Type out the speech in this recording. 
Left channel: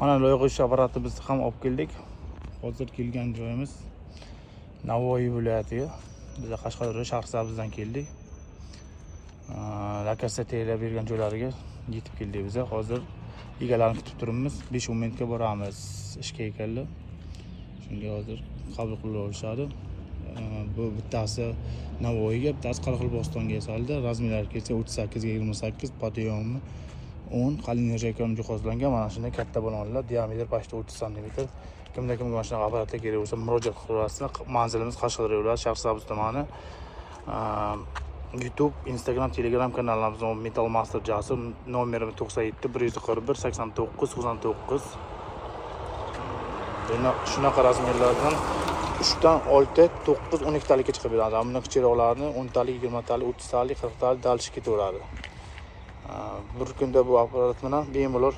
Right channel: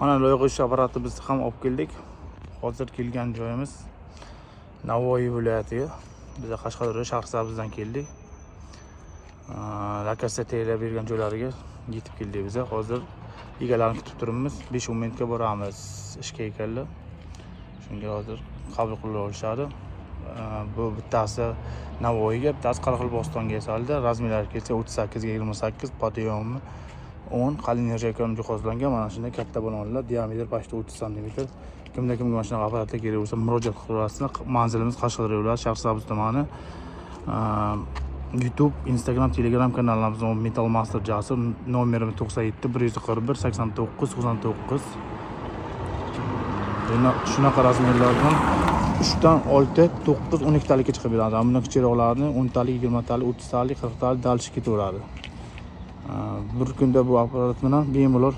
Mana loyiha ish apparatimizni ham olib keldik. Hozir kelgan joyimiz Navoiy viloyatiga. Biz Qashqadaryo Shahrisabzdan keldik. Lokatsiya tayyorlab bergan joylariga yetib keldik biz. Hozir egalarni kutib turibmiz. 5-10 minutga boramiz ishga ekanlar. Shunga hozir qabul qilib olishadi. Bu bittasi Navoiyga, bittasi Qoraqalpog'istonga yasaldi. Razmerlari kelsa 38 ga 28, podyomi 10, qalin nержавейкаdan jihozlangan. Mana shunday katta bo'lmalar, diametri почти 30 cm. Kimda kim mana shunaqa apparatga kerak bo'lsa murojaat qilib olasiz. Manzilimiz Qashqadaryo viloyati Shahrisabz tumani. YouTube, Instagram, Telegram kanallarimiz Metal Master Jasur, nomerimiz 97 141 89 99. Shunaqa razmerlardan 3 dan 6, 9, 12 talikka chiqib beradi. Ammo kichikroqlarni 10 talik, 20 talik, 30 talik, 40 talik dalishib ketaveradi. Bir kunda bu apparat bilan bemalol